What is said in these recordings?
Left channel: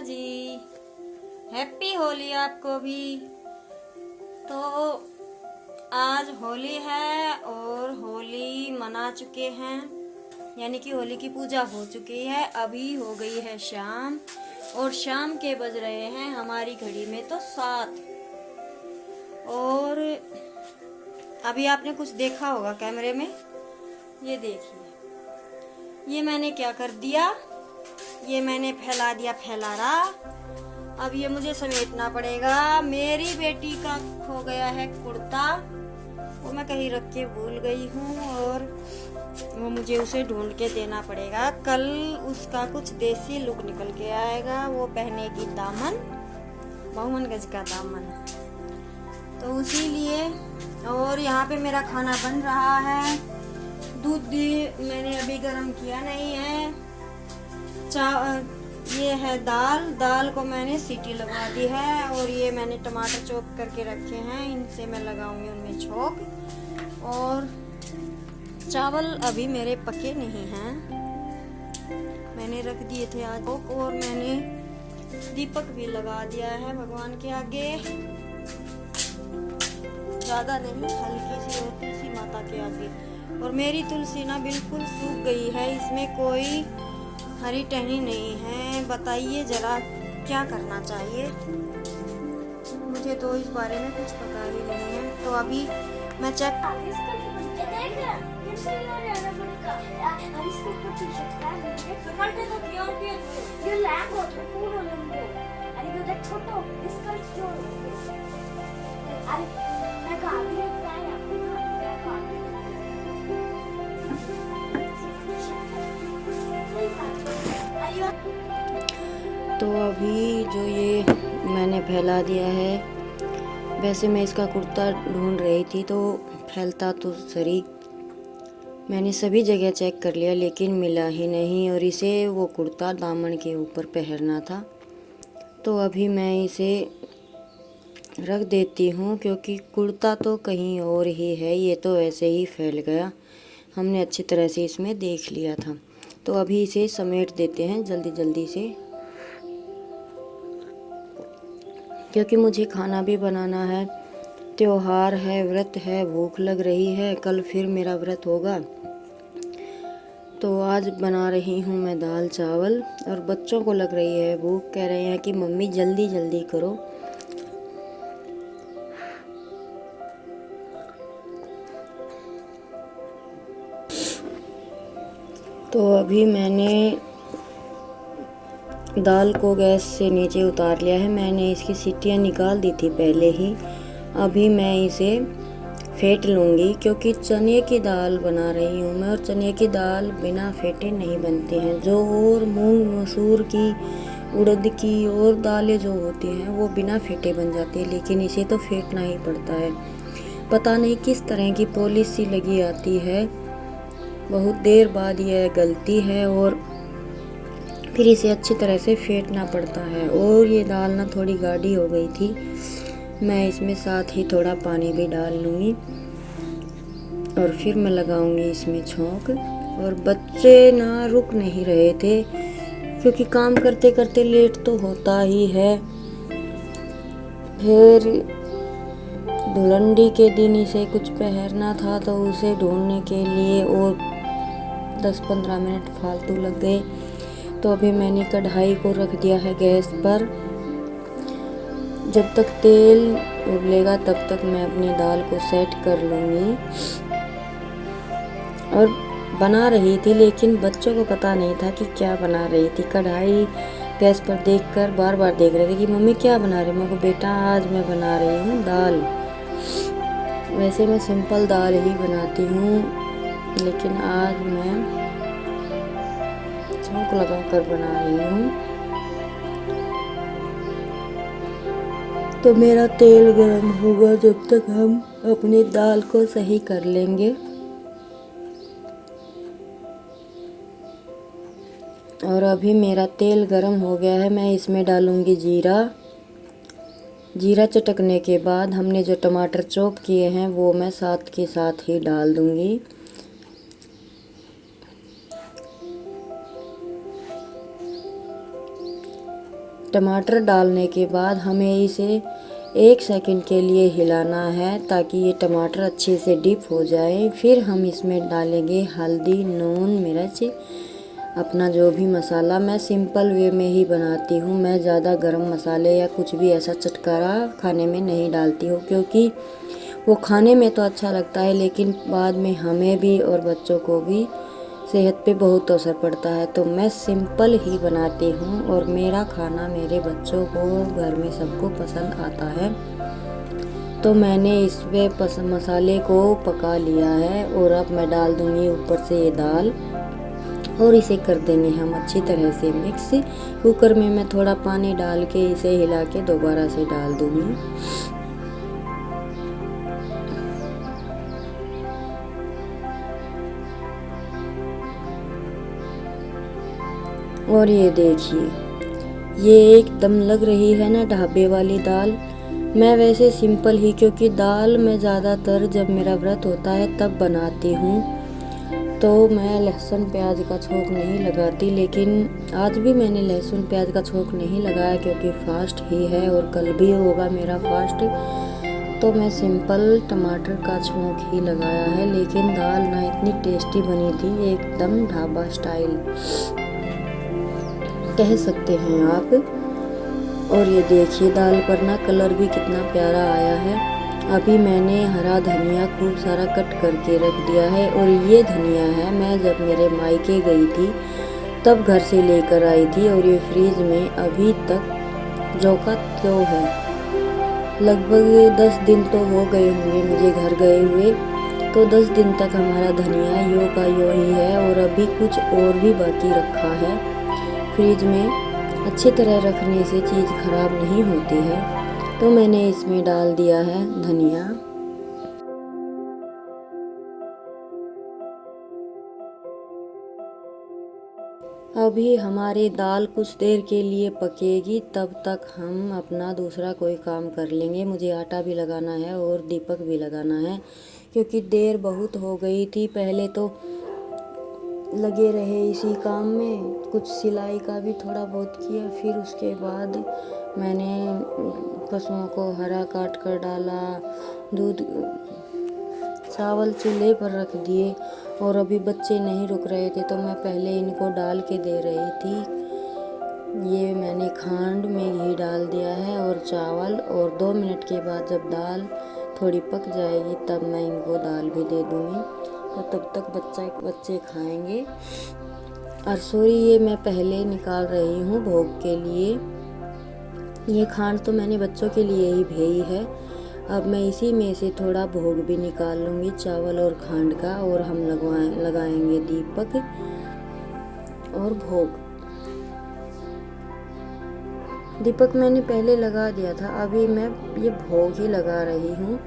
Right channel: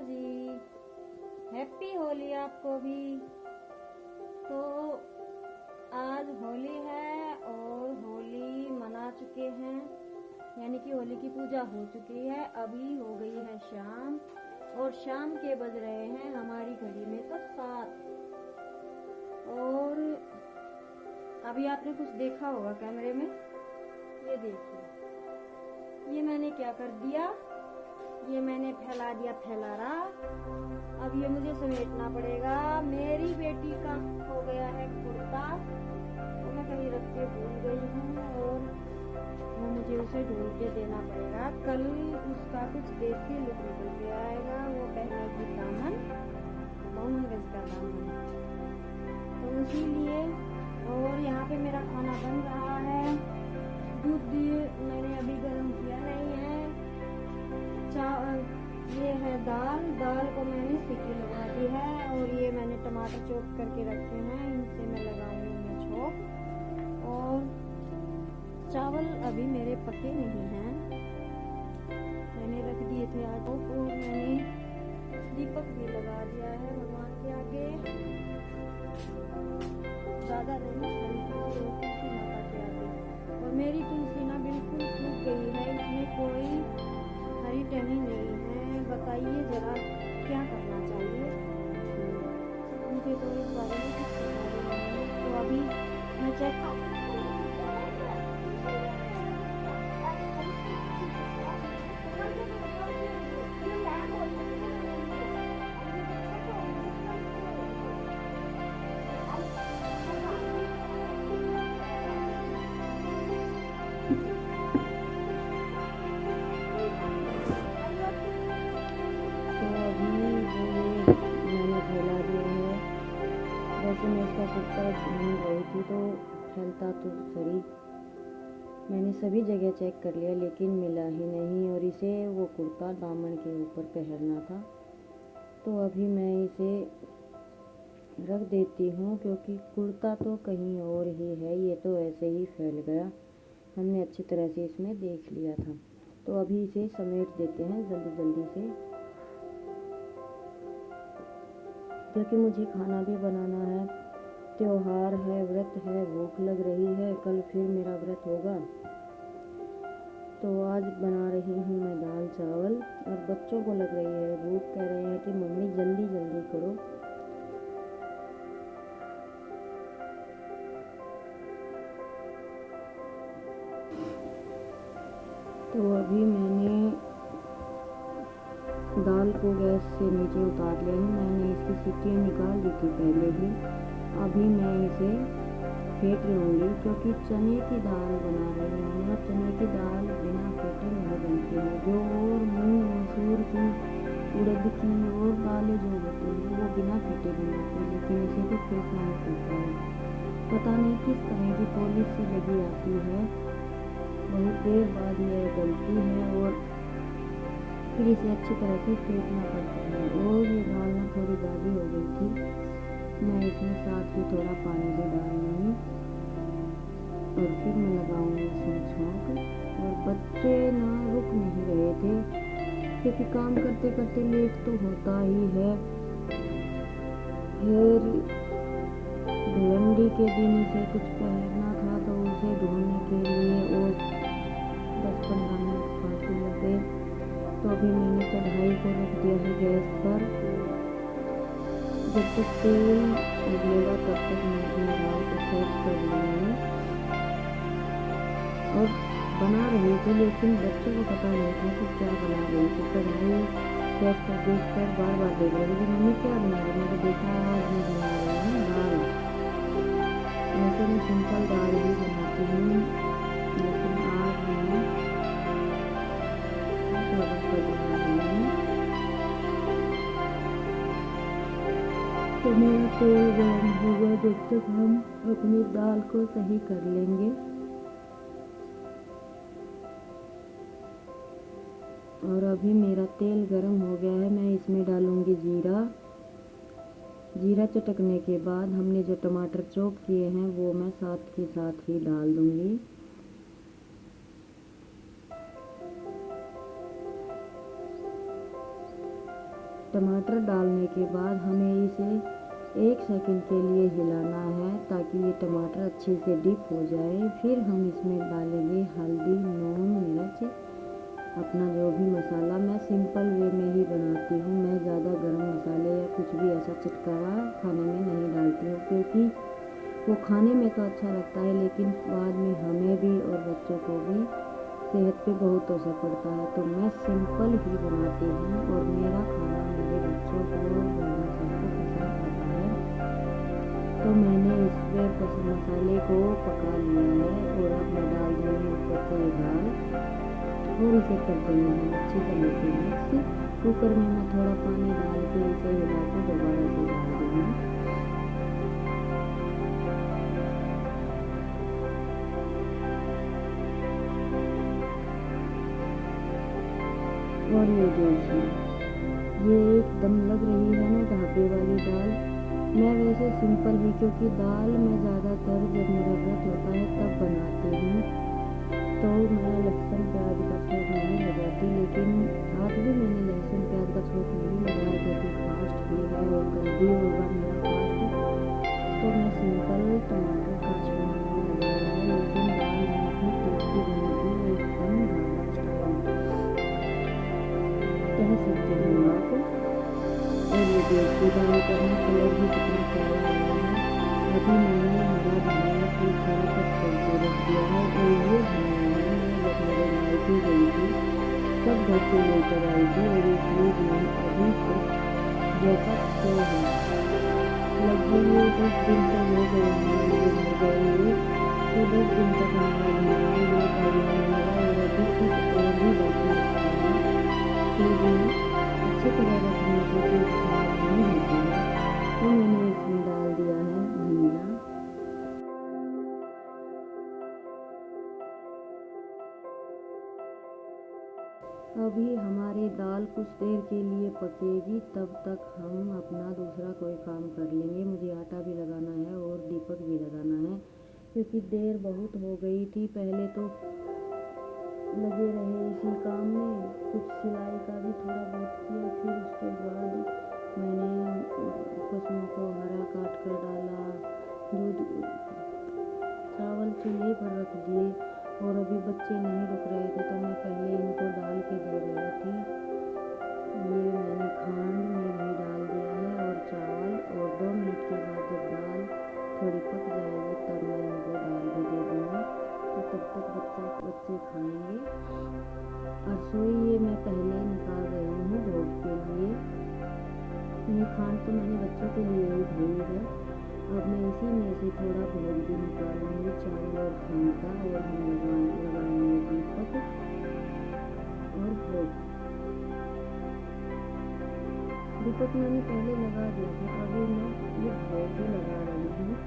जी। Happy Holi आपको भी। तो आज होली है और होली मना चुके हैं, यानी कि होली की पूजा हो चुकी है। अभी हो गई है शाम और शाम के बज रहे हैं हमारी घड़ी में तो 7। और अभी आपने कुछ देखा होगा कैमरे में, ये देखिए, ये मैंने क्या कर दिया, ये मैंने फैला दिया फैलारा। अब ये मुझे समेटना पड़ेगा। मेरी बेटी का खो गया है कुर्ता, वो मैं कहीं रख के भूल गई हूँ और वो मुझे उसे ढूंढ के देना पड़ेगा। कल उसका कुछ देसी लुक निकल के आएगा, वो पहनेगी दामन, 52 गज का दामन। तो उसी लिए, और यहाँ पे मेरा खाना बन रहा है। दूध भी मैंने अभी गर्म किया नहीं है। ये है दाल को मैंने सीटी लगा दी है और ये मैंने टमाटर चॉप करके रखे हैं, इनसे मैं लगाऊंगी उनमें छौंक। और चावल अभी मेरे पके नहीं हैं, मैंने रख दिए थे आज। और मैंने दीपक भी लगा दिया है भगवान के आगे, ज़्यादा नहीं, हल्की सी, और तुलसी माता के आगे। और मेरी तुलसी ना बिल्कुल सूख गई है, इसमें कोई हरी टहनी नहीं है। बताइए जरा क्या करना चाहिए, मुझे तो इस बारे में कुछ पता ही नहीं है। तो अभी मैं चेक तो अभी जो ये मैंने फैला दिया है, वैसे मैं इसका कुर्ता ढूंढ रही थी तो फैलता तो सही, मैंने सभी जगह चेक कर लिया लेकिन मिला ही नहीं। और इसे वो कुर्ता दामन के ऊपर पहनना था, तो अभी मैं इसे रख देती हूँ क्योंकि कुर्ता तो कहीं और ही है, ये तो ऐसे ही फैल गया, हमने अच्छी तरह से इसमें देख लिया था। तो अभी इसे समेट देते हैं जल्दी जल्दी से, क्योंकि मुझे खाना भी बनाना है, त्योहार है, व्रत है, भूख लग रही है, कल फिर मेरा व्रत होगा। तो आज बना रही हूँ मैं दाल चावल और बच्चों को लग रही है भूख, कह रहे हैं कि मम्मी जल्दी जल्दी करो। तो अभी मैंने दाल को गैस से नीचे उतार लिया है, मैंने इसकी सीटियाँ निकाल दी थी पहले ही। अभी मैं इसे फेंट लूँगी क्योंकि चने की दाल बना रही हूँ मैं, और चने की दाल बिना फेंटे नहीं बनती हैं। जो और मूंग मसूर की, उड़द की और दालें जो होती हैं वो बिना फेंटे बन जाती है, लेकिन इसे तो फेंटना ही पड़ता है। पता नहीं किस तरह की पॉलिसी लगी आती है, बहुत देर बाद यह गलती है और फिर इसे अच्छी तरह से फेंटना पड़ता है। और ये दाल ना थोड़ी गाढ़ी हो गई थी, मैं इसमें साथ ही थोड़ा पानी भी डाल लूँगी और फिर मैं लगाऊंगी इसमें छौंक। और बच्चे ना रुक नहीं रहे थे क्योंकि काम करते करते लेट तो होता ही है। फिर धुलंडी के दिन इसे कुछ पहनना था तो उसे ढूंढने के लिए और 10-15 मिनट फालतू लग गए। तो अभी मैंने कढ़ाई को रख दिया है गैस पर, जब तक तेल उबलेगा तब तक मैं अपनी दाल को सेट कर लूँगी। और बना रही थी लेकिन बच्चों को पता नहीं था कि क्या बना रही थी। कढ़ाई गैस पर देखकर बार बार देख रहे थे कि मम्मी क्या बना रही है। मैं को बेटा आज मैं बना रही हूँ दाल। वैसे मैं सिंपल दाल ही बनाती हूँ, लेकिन आज मैं छौंक लगा कर बना रही हूँ। तो मेरा तेल गरम होगा जब तक हम अपनी दाल को सही कर लेंगे। और अभी मेरा तेल गरम हो गया है, मैं इसमें डालूंगी जीरा। जीरा चटकने के बाद हमने जो टमाटर चॉप किए हैं वो मैं साथ के साथ ही डाल दूंगी। टमाटर डालने के बाद हमें इसे 1 सेकंड के लिए हिलाना है ताकि ये टमाटर अच्छे से डिप हो जाए। फिर हम इसमें डालेंगे हल्दी, नून, मिर्च, अपना जो भी मसाला। मैं सिंपल वे में ही बनाती हूँ, मैं ज़्यादा गरम मसाले या कुछ भी ऐसा चटकारा खाने में नहीं डालती हूँ, क्योंकि वो खाने में तो अच्छा लगता है लेकिन बाद में हमें भी और बच्चों को भी सेहत पे बहुत असर पड़ता है। तो मैं सिंपल ही बनाती हूँ और मेरा खाना मेरे बच्चों को, घर में सबको पसंद आता है। तो मैंने इसमें मसाले को पका लिया है और अब मैं डाल दूँगी ऊपर से ये दाल और इसे कर देंगे हम अच्छी तरह से मिक्स। कुकर में मैं थोड़ा पानी डाल के इसे हिला के दोबारा से डाल दूँगी। और ये देखिए, ये एकदम लग रही है ना ढाबे वाली दाल। मैं वैसे सिंपल ही, क्योंकि दाल मैं ज़्यादातर जब मेरा व्रत होता है तब बनाती हूँ, तो मैं लहसुन प्याज का छोंक नहीं लगाती। लेकिन आज भी मैंने लहसुन प्याज का छोंक नहीं लगाया क्योंकि फास्ट ही है और कल भी होगा मेरा फास्ट। तो मैं सिंपल टमाटर का छोंक ही लगाया है, लेकिन दाल ना इतनी टेस्टी बनी थी, एकदम ढाबा स्टाइल कह सकते हैं आप। और ये देखिए दाल पर ना कलर भी कितना प्यारा आया है। अभी मैंने हरा धनिया खूब सारा कट करके रख दिया है और ये धनिया है, मैं जब मेरे मायके गई थी तब घर से लेकर आई थी और ये फ्रिज में अभी तक जो का तो है। लगभग 10 दिन तो हो गए होंगे मुझे घर गए हुए, तो 10 दिन तक हमारा धनिया यो का यो ही है और अभी कुछ और भी बाकी रखा है। फ्रिज में अच्छी तरह रखने से चीज़ खराब नहीं होती है। तो मैंने इसमें डाल दिया है धनिया। अभी हमारी दाल कुछ देर के लिए पकेगी, तब तक हम अपना दूसरा कोई काम कर लेंगे। मुझे आटा भी लगाना है और दीपक भी लगाना है, क्योंकि देर बहुत हो गई थी। पहले तो लगे रहे इसी काम में, कुछ सिलाई का भी थोड़ा बहुत किया, फिर उसके बाद मैंने पशुओं को हरा काट कर डाला, दूध चावल चूल्हे पर रख दिए और अभी बच्चे नहीं रुक रहे थे तो मैं पहले इनको डाल के दे रही थी। ये मैंने खांड में घी डाल दिया है और चावल, और 2 मिनट के बाद जब दाल थोड़ी पक जाएगी तब मैं इनको दाल भी दे दूँगी, तो तब तक बच्चे खाएंगे। और सॉरी, ये मैं पहले निकाल रही हूँ भोग के लिए। ये खांड तो मैंने बच्चों के लिए ही भेजी है। अब मैं इसी में से थोड़ा भोग भी निकाल लूँगी, चावल और खांड का, और हम लगाएंगे दीपक और भोग। दीपक मैंने पहले लगा दिया था, अभी मैं ये भोग ही लगा रही हूँ,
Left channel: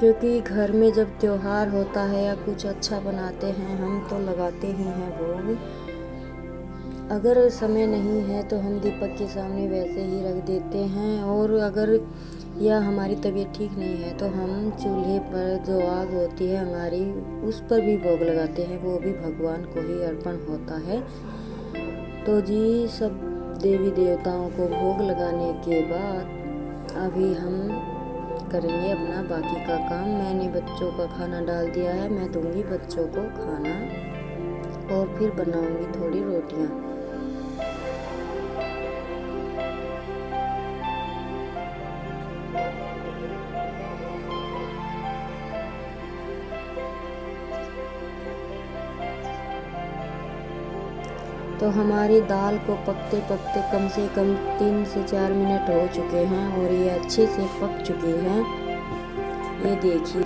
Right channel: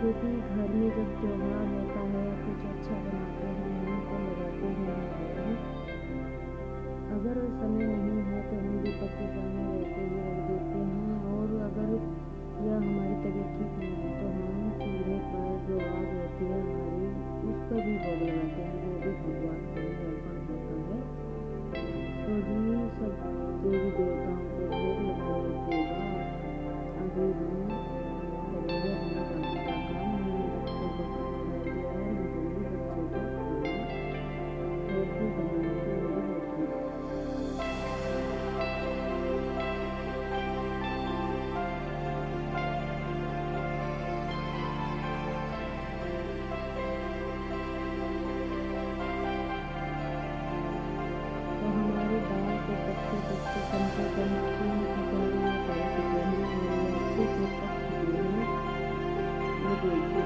क्योंकि घर में जब त्योहार होता है या कुछ अच्छा बनाते हैं हम तो लगाते ही हैं भोग। अगर समय नहीं है तो हम दीपक के सामने वैसे ही रख देते हैं, और अगर या हमारी तबीयत ठीक नहीं है तो हम चूल्हे पर जो आग होती है हमारी, उस पर भी भोग लगाते हैं, वो भी भगवान को ही अर्पण होता है। तो जी, सब देवी देवताओं को भोग लगाने के बाद अभी हम करेंगे अपना बाकी का काम। मैंने बच्चों का खाना डाल दिया है, मैं दूंगी बच्चों को खाना और फिर बनाऊंगी थोड़ी रोटियां। तो हमारी दाल को पकते पकते कम से कम 3 से 4 मिनट हो चुके हैं और ये अच्छे से पक चुकी है। ये देखिए,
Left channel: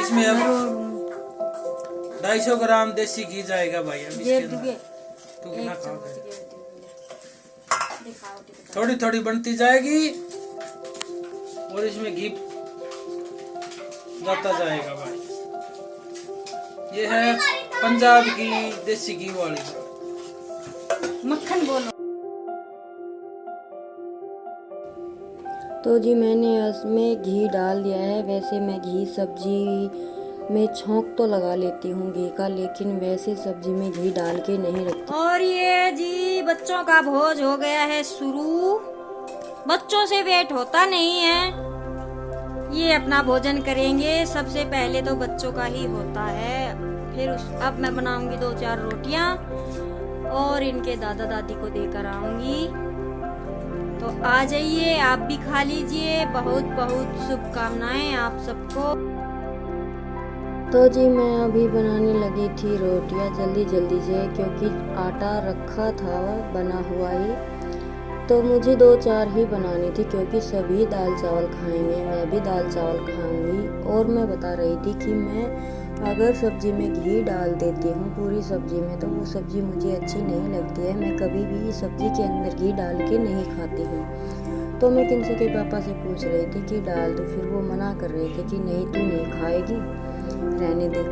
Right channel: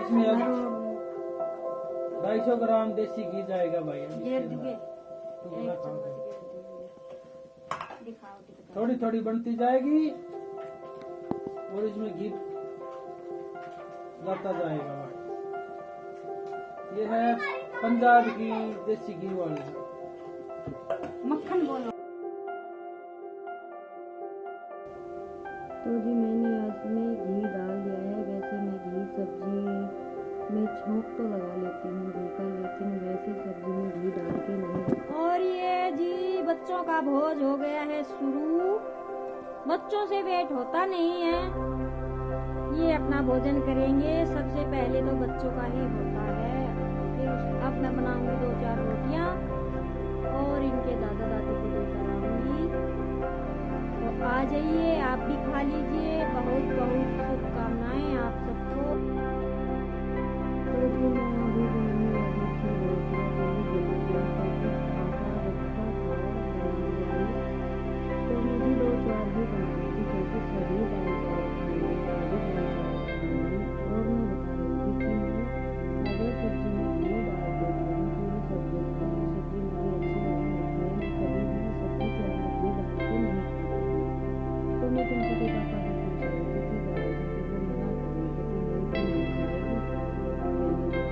इसमें अब 250 ग्राम देसी घी जाएगा भाई। अब इसके अंदर तू कितना खाओगे? थोड़ी थोड़ी बनती जाएगी और इसमें घी जाता जाएगा भाई। ये है पंजाब की देसी घी वाली दाल। मक्खन बोलो। तो जी मैंने इसमें घी डाल दिया है। वैसे मैं घी सब्जी में छौंक तो लगा लेती हूँ घी का, लेकिन वैसे सब्जी में घी डाल के नहीं रखती। और ये जी बच्चों का भोज हो गया है शुरू। बच्चों से वेट होता नहीं है, ये अपना भोजन करेंगे। सबसे पहले तो बच्चों का ही होता है, फिर अब मैं बनाऊंगी 2-4 रोटियां और इनके दादा दादी को देकर आऊंगी। तो आ जाइए, आप भी खा लीजिए। बहुत बहुत शुभकामनाएं आप सबको। तो जी मैं अभी बनाने लगी थी रोटियां जल्दी से, क्योंकि आटा रखा था बना हुआ ही, तो मुझे 2-4 ही बनानी थी, क्योंकि सभी दाल चावल खाएंगे, मैं भी दाल चावल खाऊंगी। और मैं बता रही थी कि मैं अगर सब्जी में घी डाल देती हूँ पूरी सब्जी में, तो वो सब्जी मुझे अच्छी नहीं लगती है। मैं कभी भी सब्जी के अंदर घी डाल के नहीं खाती हूँ। तो मैं किंसू के पापा से पूछ रही थी कि डाल दो, फिर वो मना कर रहे थे कि नहीं तू नहीं खाएगी, रहने दे।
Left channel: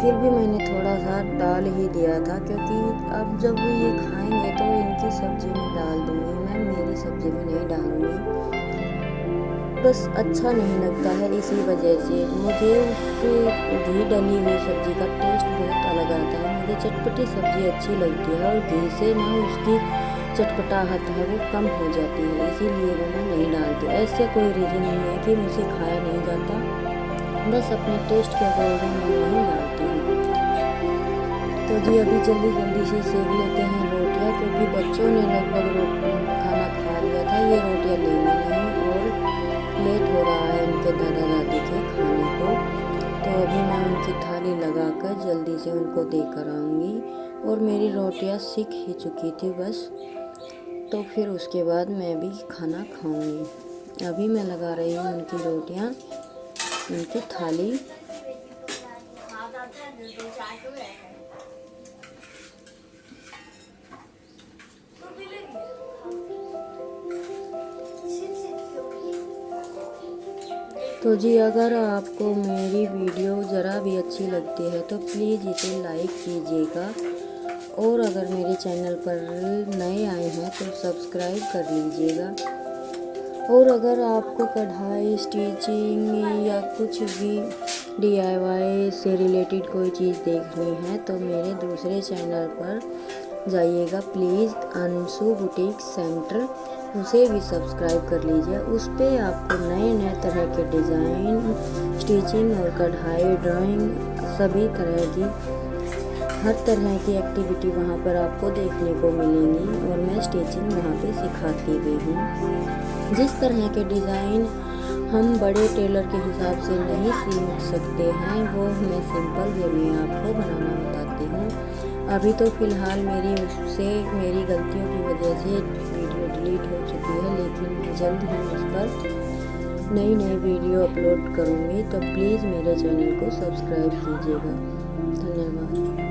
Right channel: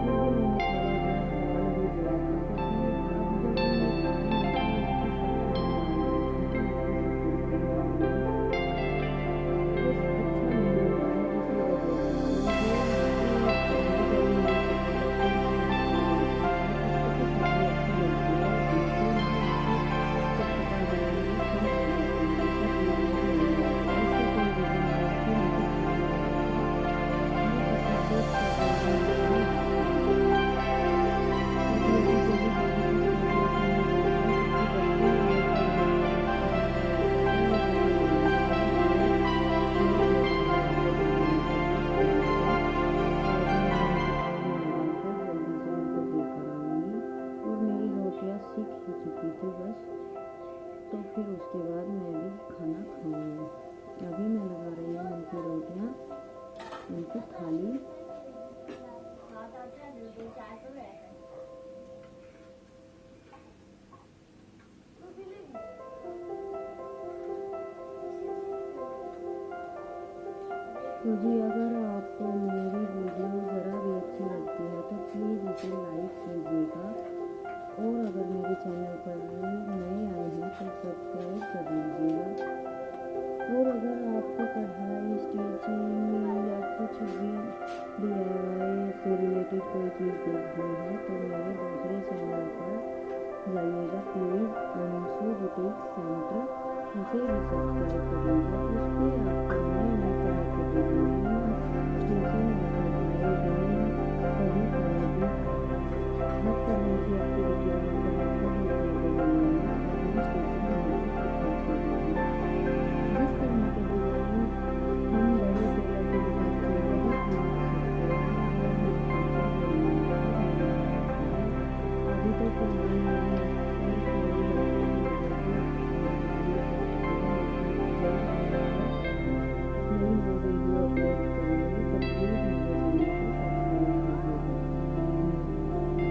फिर भी मैंने थोड़ा सा डाल ही दिया था, क्योंकि अब जब वो ये खाएंगे तो इनकी सब्जी में डाल दूँगी, मैं मेरी सब्जी में नहीं डालूँगी। बस अच्छा नहीं लगता है, इसी वजह से मुझे उससे घी डली हुई सब्जी का टेस्ट बहुत अलग आता है। मुझे चटपटी सब्जी अच्छी लगती है और घी से ना उसकी चटपटाहट है वो कम हो जाती है, इसीलिए वो मैं नहीं डालती। ऐसे कोई रीज़न नहीं है कि मुझसे खाया नहीं जाता, बस अपने टेस्ट के अकॉर्डिंग मैं नहीं डालती हूँ। तो जी अभी जल्दी से सेक लेते हैं रोटियाँ, क्योंकि बच्चों ने लगभग खाना खा लिया था। ये रोटियाँ लेनी नहीं और लेट हो रहा है उनके दादा दादी के खाने को। तो अभी मैं उनकी थाली लगाकर जल्दी से उनको देकर आऊँगी। और मेरी रोटियाँ सिक ही चुकी थी बस, तो फिर उसके बाद मैं भी खाना खाऊँगी। अभी मैं लगा रही हूँ उनकी रोटियाँ, उनकी थाली। तो जी अगर आपको मेरी वीडियो ज़रा भी अच्छी लगती है तो प्लीज़ इसे लाइक कीजिएगा, और अगर मेरे चैनल पर नए आए हैं तो सब्सक्राइब कर लीजिएगा। और अगर आपको कढ़ाई, स्टिचिंग या कुछ भी DIY से रिलेटेड कोई चीज़ देखनी है तो मेरे दूसरे चैनल पर जाइएगा प्लीज़, अंशु बुटीक सेंटर, उसे भी सब्सक्राइब कर लीजिए। उस पर आपको नए तरह के डिज़ाइन, स्टिचिंग और कढ़ाई, ड्राइंग, सभी तरह की हर तरह की एक्टिविटी वहाँ पर आपको देखने को मिलेंगी। और मैं स्टिचिंग वहाँ पे सिखाती भी हूँ। जिस तरह के डिज़ाइन हम बड़े टेलर के हिसाब से नहीं सीख सकते हैं, वो मैं सिंपल वे में आपको बनाना बताती हूँ। अभी तो फ़िलहाल मेरी गलतियों की वजह से वीडियो डिलीट हो चुकी है, लेकिन जल्द ही उस पर नई वीडियो अपलोड करूँगी। तो प्लीज़ मेरे चैनल को सब्सक्राइब कीजिएगा। धन्यवाद।